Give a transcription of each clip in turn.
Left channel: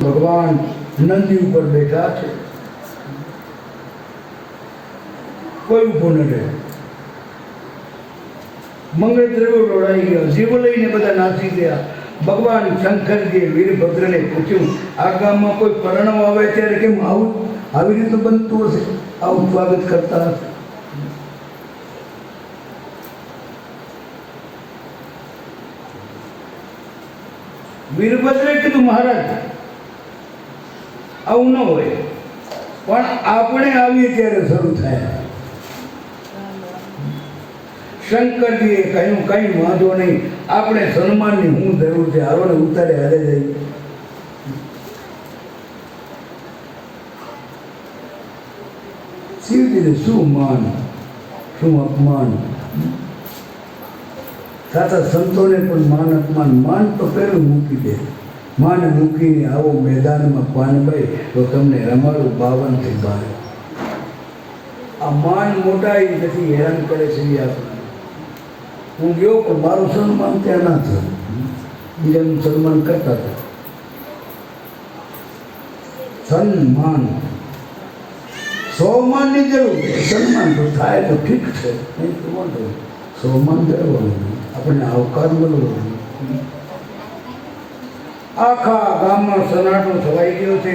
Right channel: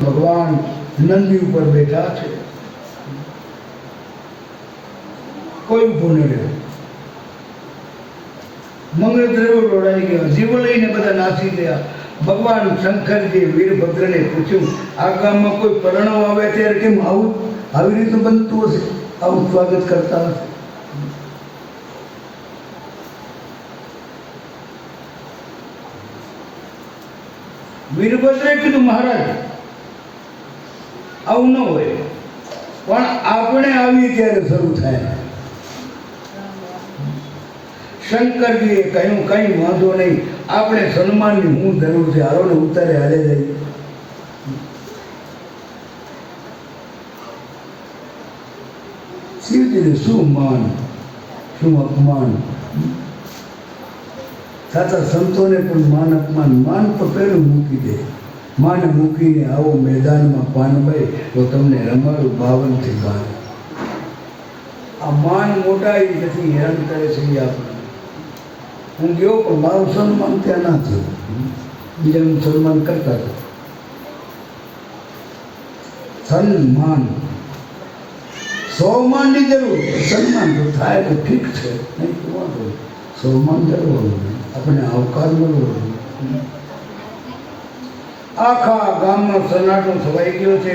ભગવાન નંદી ઉપર બેઠા છે, કોઈ ઉભું ન રહે. મંગળ દ્રવ્યો દોડાઈ ગયા, જીવો લઈને બધા નાસી ગયા. ભગવાન શંકરજીએ વીરભદ્રને પૂછ્યું, આ ગામમાં કોઈ પરણવ આવે ત્યારે કેમ આવું આવી રીતે બનતું હશે, આવું સ્વાગત કરતા હશે? વીરભદ્રે કીધું, મહારાજ આવું ન હોય, પણ આપણે આવીએ ત્યારે શરૂ થાય. શંકરજીએ કહ્યું, કઈ વાંધો નહીં, આપણે સન્માનની હું જરૂર છે, આરોને ઉતારે હાલે જઈએ. શિવજીને શું માન, શું અપમાન. સાચા સંતોને પણ માન અપમાન. માન તો પેલું મૂકી દે. માન મૂકીને આવો મેદાનમાં પાનભાઈ તો તમને રમાડું 52 થી 12. આ માન મોટાઈ નથી, હેરાન કરે છે એ આપણે. હું ગયો પણ મારું સન્માન ત્યાં ના થયું, બીજાનું સન્માન કરતા હતા. સન્માન સૌમાનની જરૂર, સન્માન તો થાય તો ઠીક છે, નહીં તો વાંધો. સૌમાન જરૂર, આપણને આવકાર મળવો. આખા ગામમાં સન્નાટો છવાઈ ગયો છે.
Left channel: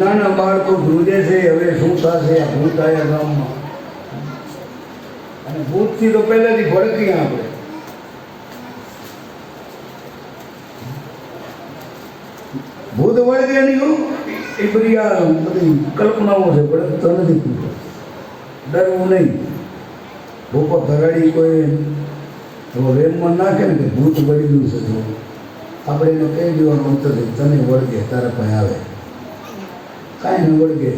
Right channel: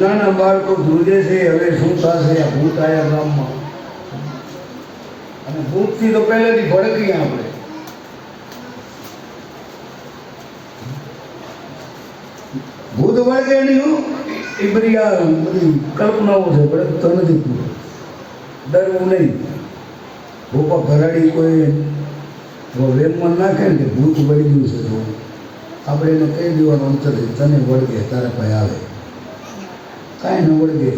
નાના બાળકો ધ્રુજે છે, હવે શું થશે આ ભૂત આયા ગામમાં. અને ભૂતથી તો પહેલેથી ભડકી આપણે. ભૂત વળગે નહીં, એ બધી આ બધી કલ્પનાઓ છે, ભડકતો નથી. ડરવું નહીં. ભૂપા ભરાડી કોઈ વેમમાં નાખે ને કે ભૂત વળી ગયું છે, આપણે એને કહી દેવાનું અંતર તને વળગે, તારા પાસે આવે. કાંઈ ન વળગે.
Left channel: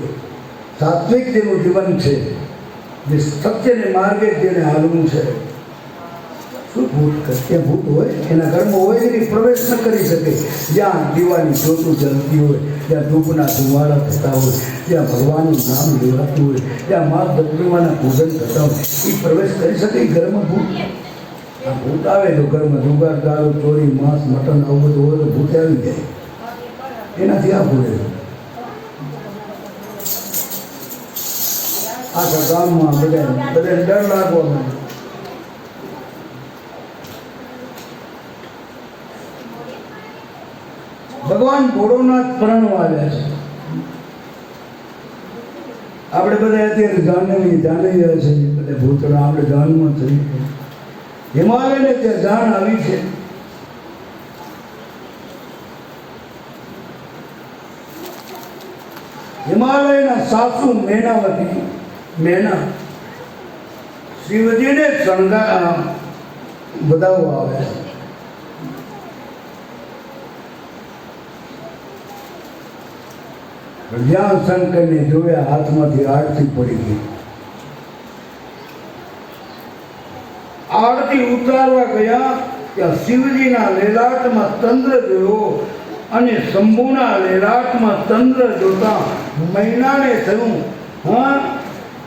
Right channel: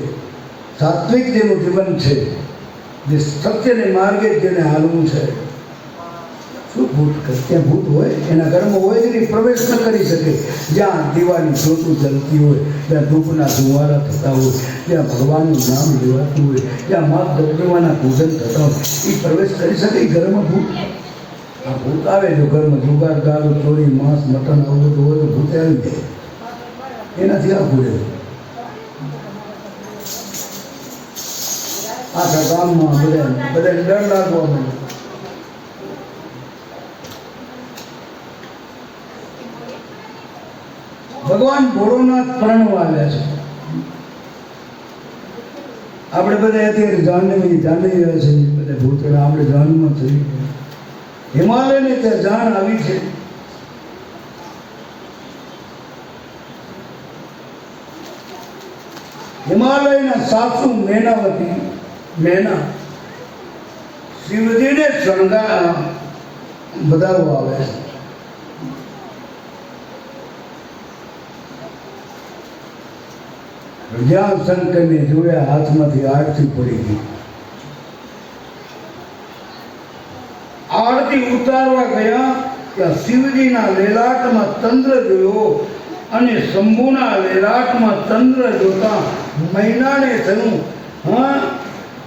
સાત્વિક જેનું જીવન છે, જે સત્યને માર્ગે જેને હાલવું છે. શું ભૂત કરે? ત્યાં ભૂત હોય, એના ઘરમાં હોય એની પ્રવેશ ન કરી શકે. જ્યાં દીવાની જ્યોતું જલતી હોય, જ્યાં ધૂપના ધુમાડા થતા હોય, જ્યાં ભગવાનનું નામ લેવાતું હોય, જ્યાં મા દર્દીવાના પૂજન થતા હોય, એ પ્રવેશ કરી શકે ઘરમાં ભૂત? આ ભૂત આવે તો ઘરમાં જુગાર, દારૂ, ચોરી, માંસ, મટન આવું બધું હોય તો ભૂત આવી જાય. એનાથી આ ભૂલે આખા ગામમાં બધા ડર લાગવા માંડે. ભગવાન ભોળોનાથ પરણવા આવ્યા છે. આપણે બધા અત્યારે જાણી રહ્યા છે, બધા ભૂતળા આપણે જાનમાં થઈ. હિમાલયને ત્યાં જાણ આવી છે. હિમાલયના સાસુ મેનાવતી મેના શિવજીને શણગાર બધાઓ આવ્યા છે. જ્યાં શંકરને જોયા હાથમાંથી આરતી પડી ગઈ. આરતી ઉતારવા ગયા ત્યાં શિવજીના લેલાટમાં ચંદ્ર જોયો અને શંભુના લેલાટમાં ચંદ્ર જોતા મહિનાને થયું, હા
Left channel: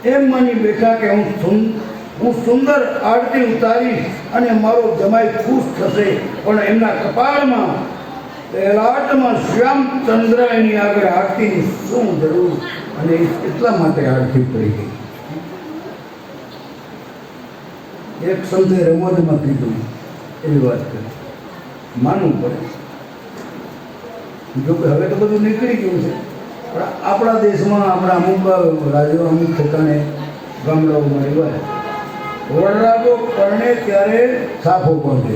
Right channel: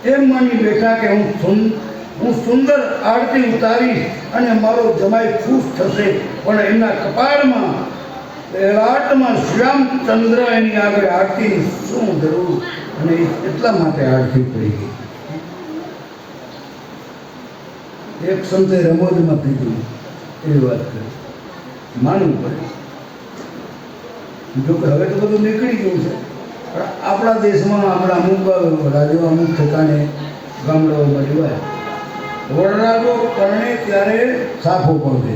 એમ માની બેઠા કે હું હું સુંદર આરતી ઉતારીશ અને મારો જમાઈ ખુશ થશે, પણ એમના કપાળમાં લલાટમાં શ્યામચંદ્ર એની આગળ આરતીની શું જરૂર, અને એટલા માટે આરતી પડી ગઈ. એક સંતે રમોજમાં કીધું એવી વાત કરી, માનવું પડે. જો કે હવે તો બધું નીકળી ગયું છે, પણ આપણા દેશમાં આપણા અમુક રાજ્યો અમુક ઠેકાણે ગામડાઓમાં એવા વરરાજો પરણે ત્યારે સાફો પહોંચે.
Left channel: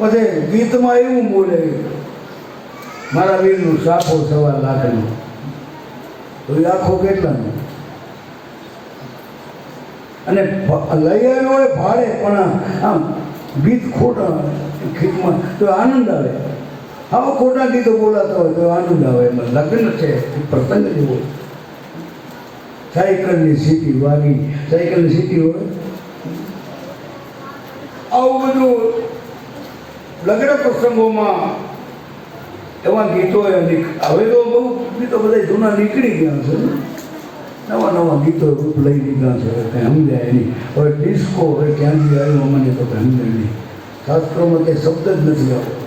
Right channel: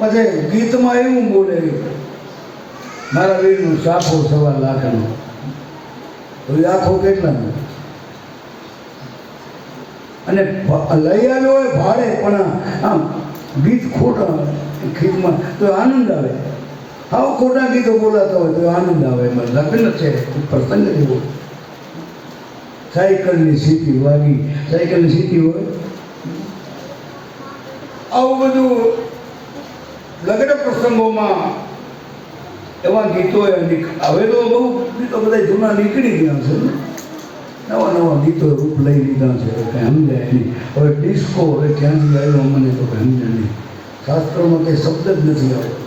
પછી ગીતમાં એવું બોલે, મારા વીરનું સાફો 1.25 લાખનું, આખો કેટલાનું, અને લઈ આવ્યો હોય ભાડે, પણ આમ ગીત ખોટા ગીતમાં તો આનંદ આવે. આવા ખોટા ગીતો બોલાતા હોય તો આનંદ આવે. એમાં લગ્ન છે, પ્રસંગ જેવો. સાયકલની સીટી વાગી, સાયકલની સીટી હોય, આવું બધું લગ્ન પ્રસંગોમાં એવા ગીતો. હવે તો બહુ ગીતો બધા જૂના નીકળી ગયા છે, નવા નવા ગીતો રૂપ લઈ લીધા છે, કંઈ સમજાય નહીં. હવે ડિસ્કો હવે ક્યાંથી આવ્યો મને તો કંઈ સમજાય નહીં. શાસ્ત્રોમાં કંઈ શબ્દ જ નથી આવ્યો,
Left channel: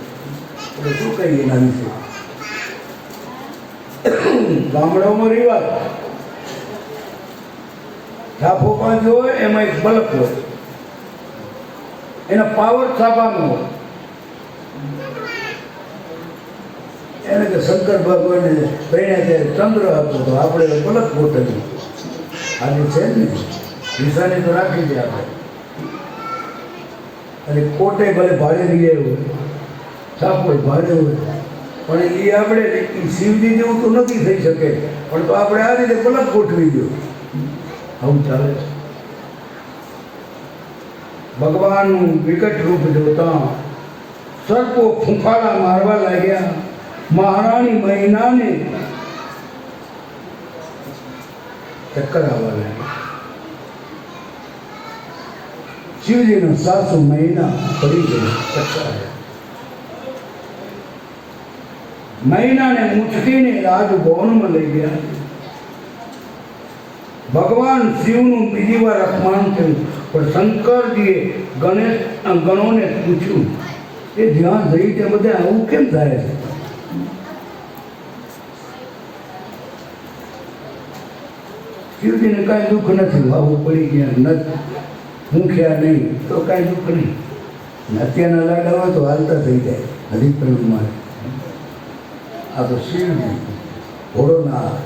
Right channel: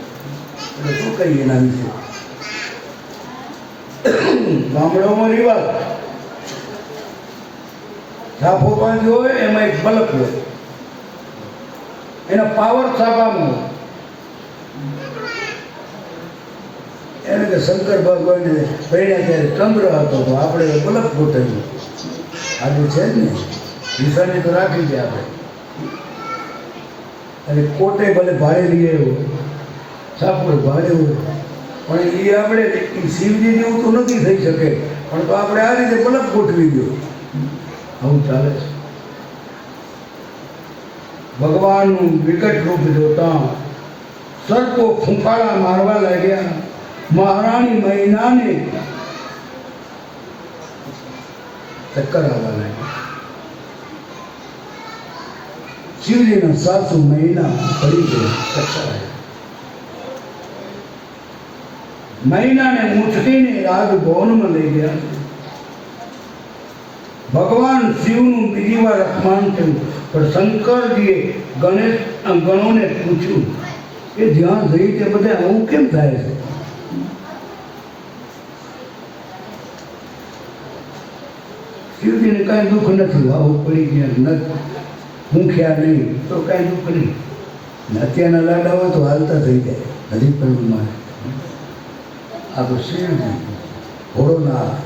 એટલે શું કહીએ એના વિશે. ગામડાઓમાં રિવાજ, છાપો બાંધ્યો હોય એમાં એક બલ્બ હોય, એનો પાવર છાપાનો હોય. એને કે શંકર ભગવાનને પહેણ્યા ત્યારે ચંદ્ર હતો, તો આપણે બલક ગોઠવ્યું. આજે છે જ ને, નિશાની તો રાખી છે આપણે. અને કોટે ભલે ભાડે લઈ આવ્યો, સાપો ભાડે હોય, પણ એ આપણે શિવજી જેવું તો નથી થઈ શકે, પણ તો આપણે આ રીતે બલક ગોઠવી દો. આવું ચાલે છે. ભગવાનનું વિકટ રૂપ જોતા સર્પો ફૂંકાળા મારવા લાગ્યા. મહારાણી મહિનાને ચક્કર આવવા લાગ્યા. શિવજીના સાસુ મહિના પડી ગઈ, ચક્કર આવ્યા. મહિનાને મુઠકીને રાજભવનમાં લઈ ગયા. ભગવાન શિવનું બીજી વાર અપમાન થયું, પણ શંકરજીએ ગણોને પૂછ્યું એ જ્યાં જઈ કે બધા આવું કેમ થાય છે? શિવજીને કાંઈ દુઃખ નથી, આવું પડી ગયા નથી, મૂક્યા નહીં તો કાંઈ દુઃખ નહીં. અત્યારના લાડા હોય તો હાલતા થઈ જાય. હજી પણ આ તો શિવજી ભોળોનાથ.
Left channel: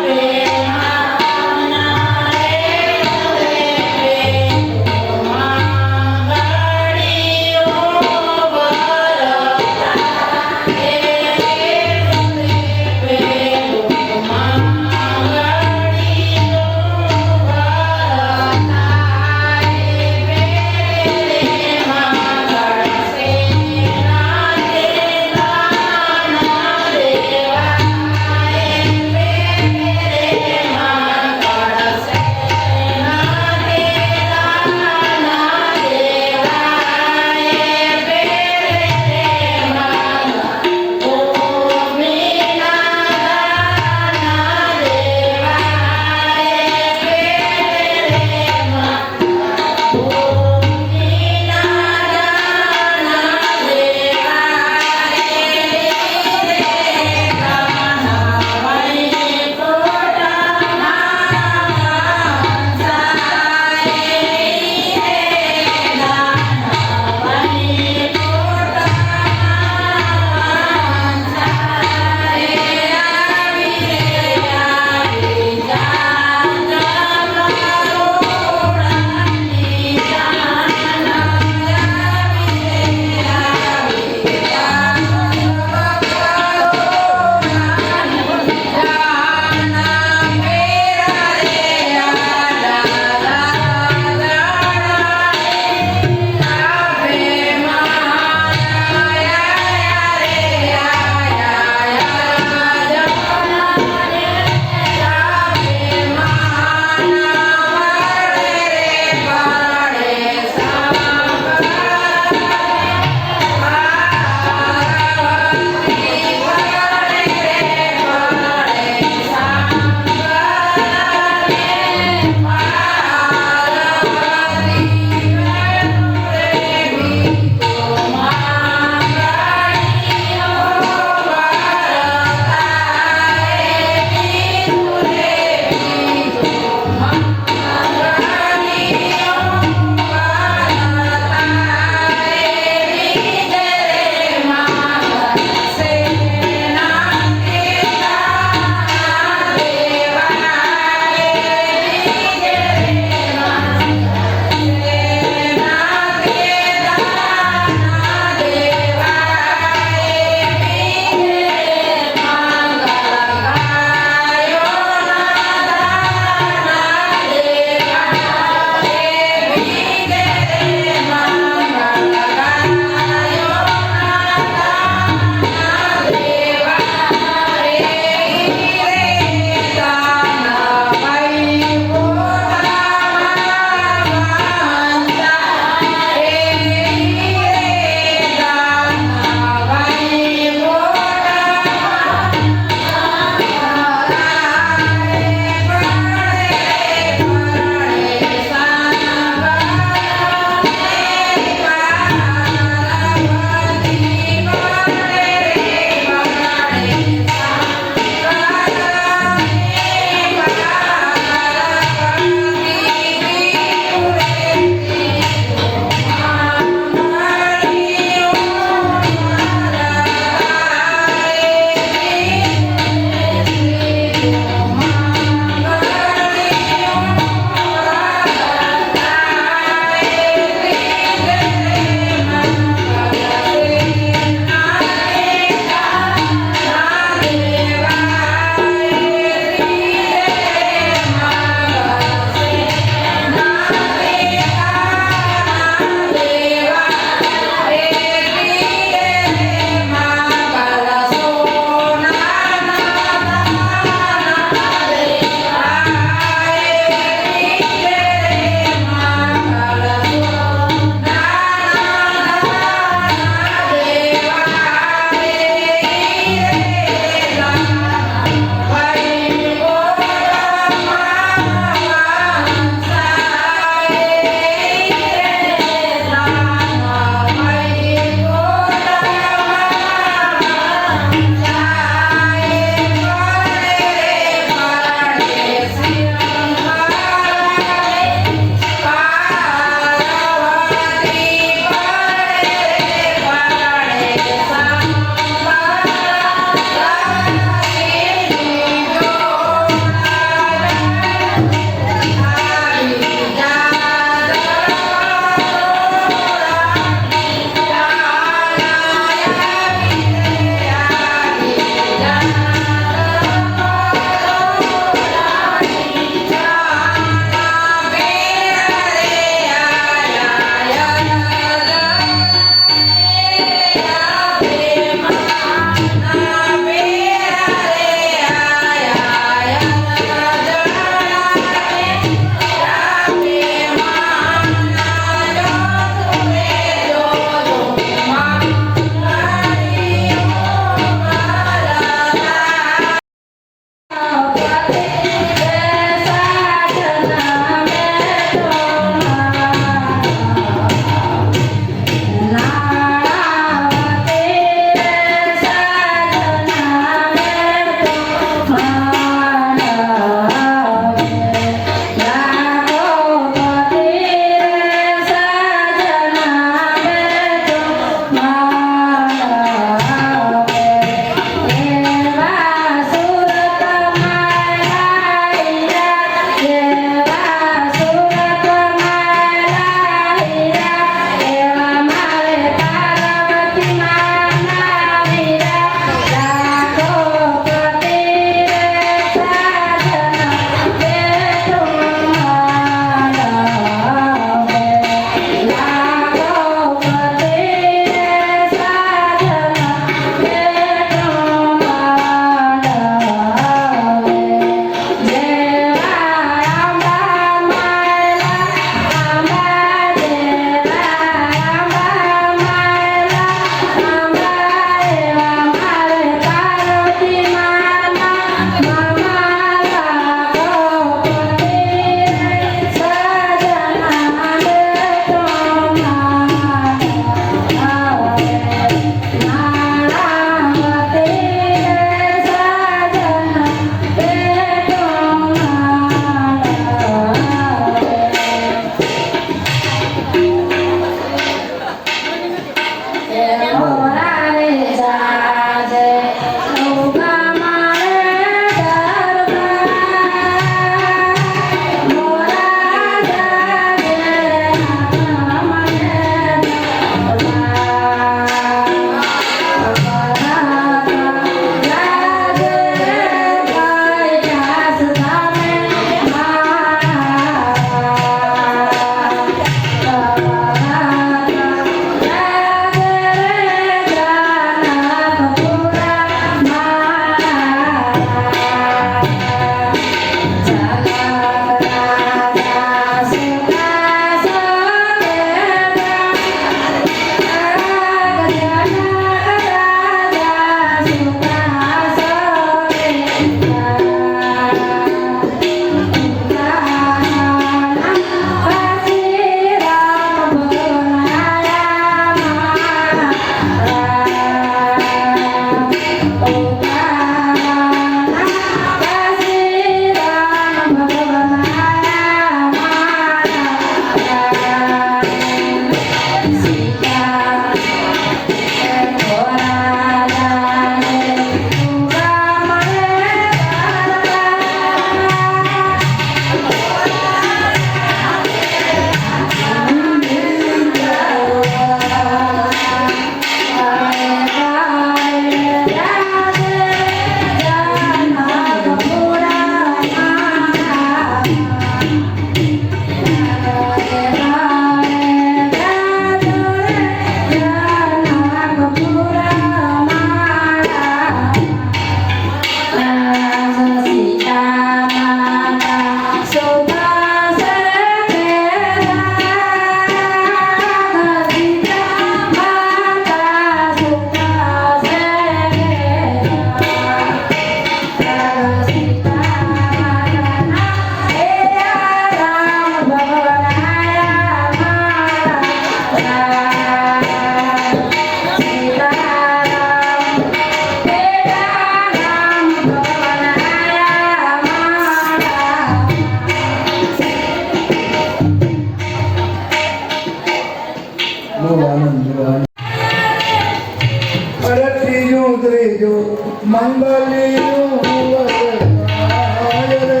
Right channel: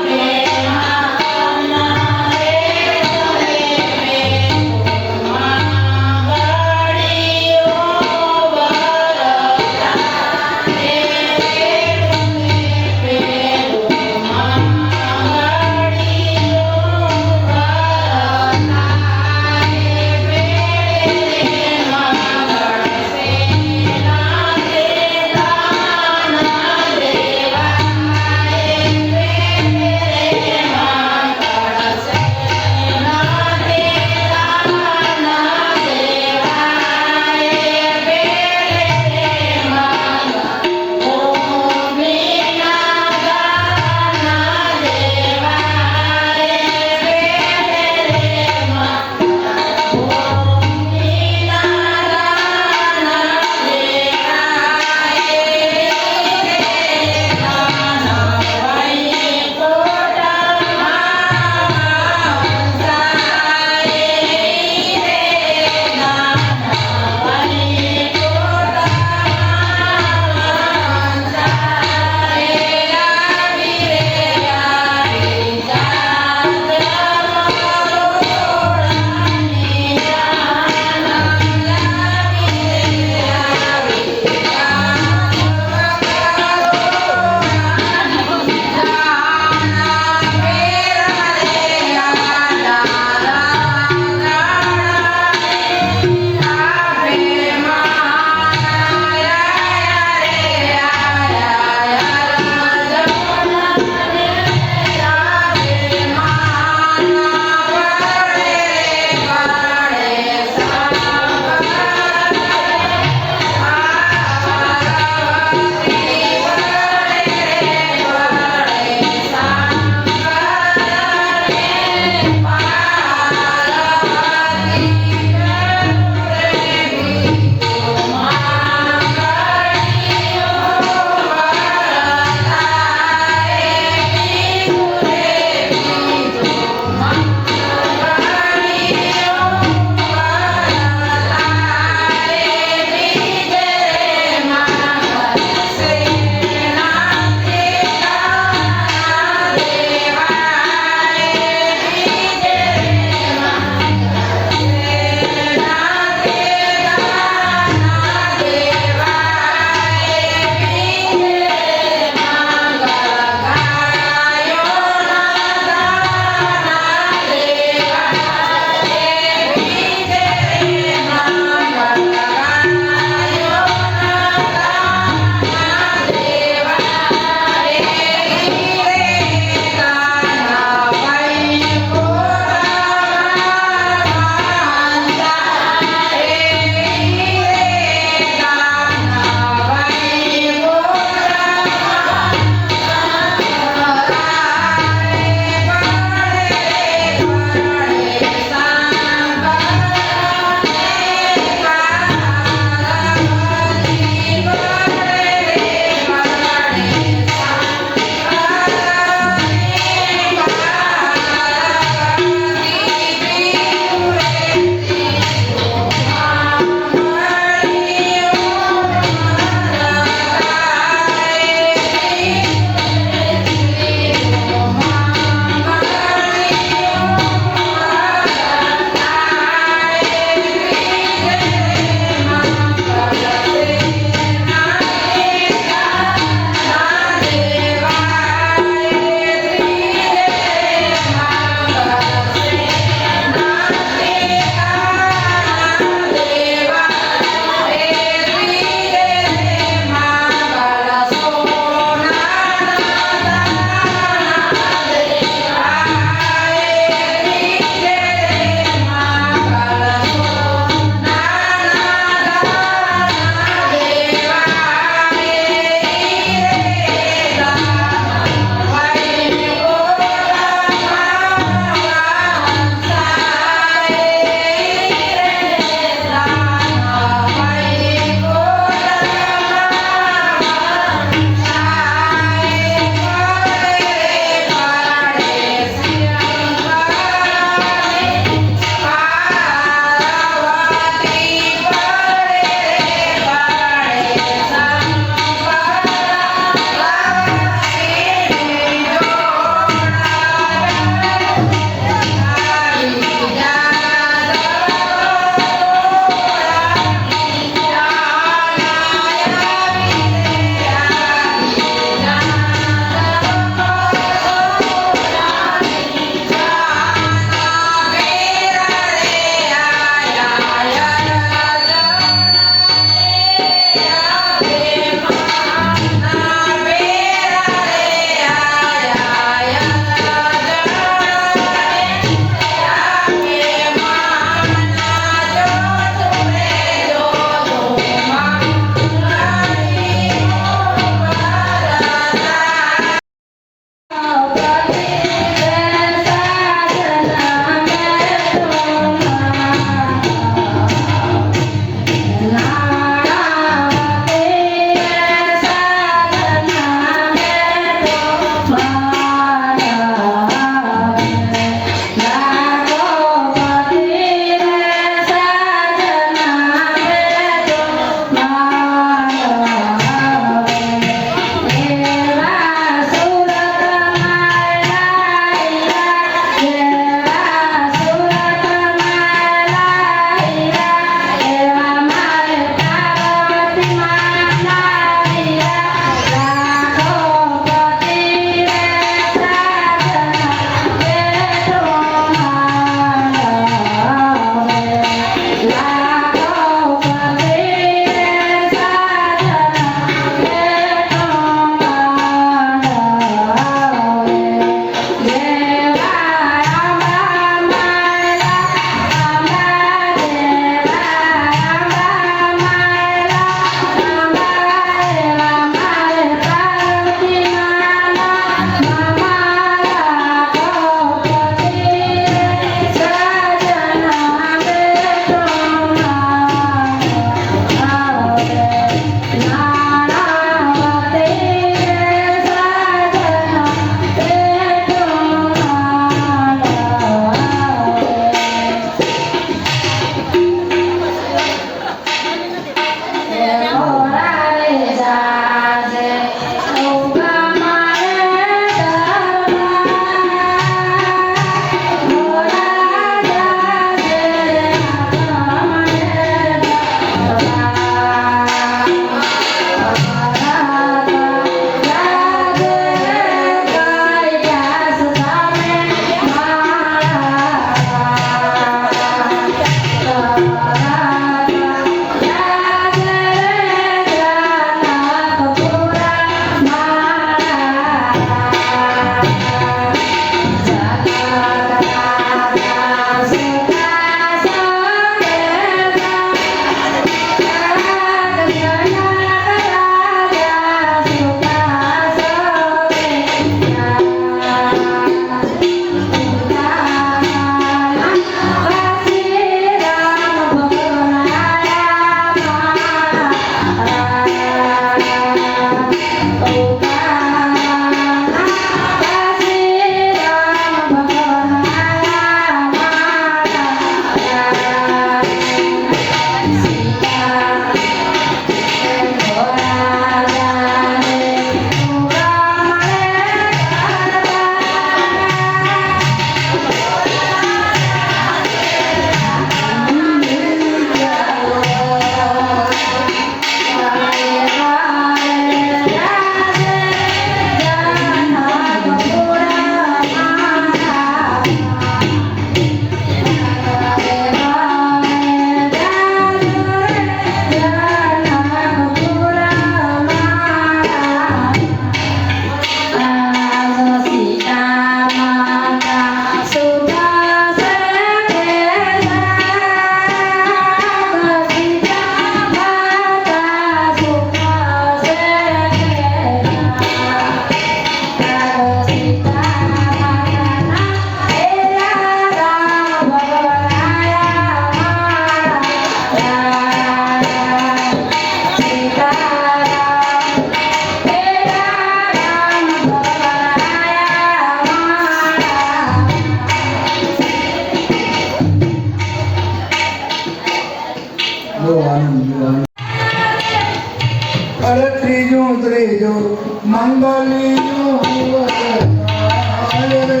મંગલિયું વરતાય રે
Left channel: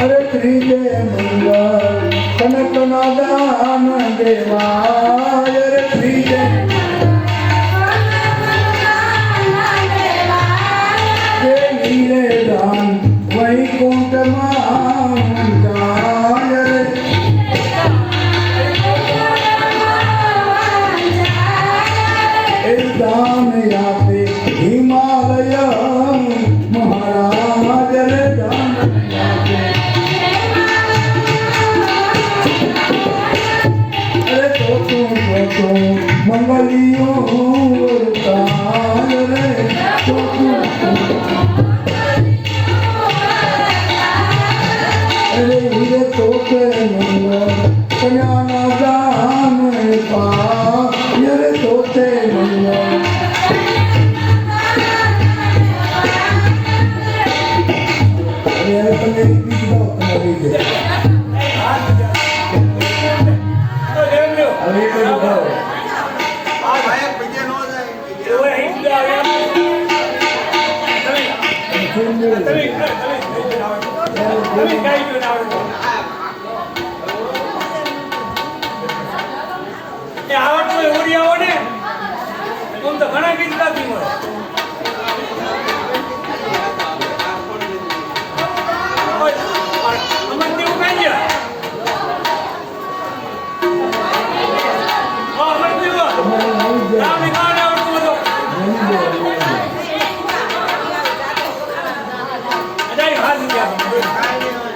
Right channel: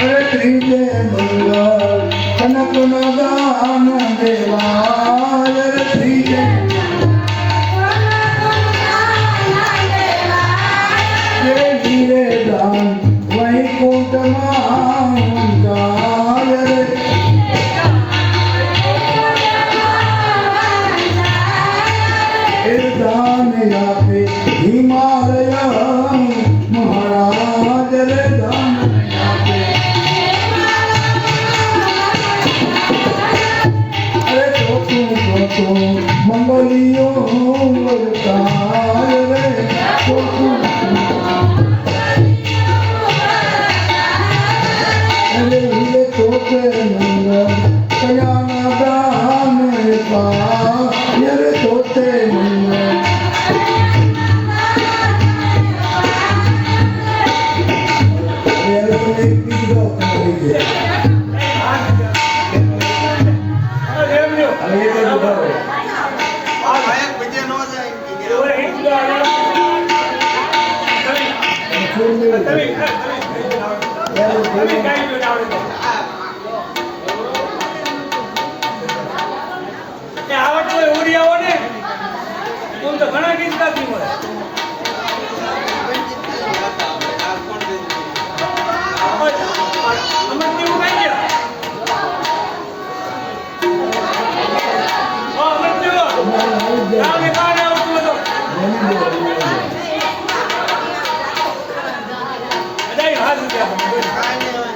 અરે ત્રીજે મંગલ કનકના દાન દેવાય રે ત્રીજે હીરે દાન વૈકુંઠમાં જાય રે એ દાન આપે હિમાલય મહારાજ રે દાન આપે અરે ચોથું મંગલિયું વરતાય રે ચોથું અરે હીરે તોતે મંગલ કન્યાના દાન પાય રે તોતે મંગલ આવડતું હોય ઉડી આવો ને હું તો ઘણા ગીત ગાતી મળે અમર દેવું કઈ ગયા અમર દેવ રામ ને કાને આવડતું હતો અજાય હાથ ગયા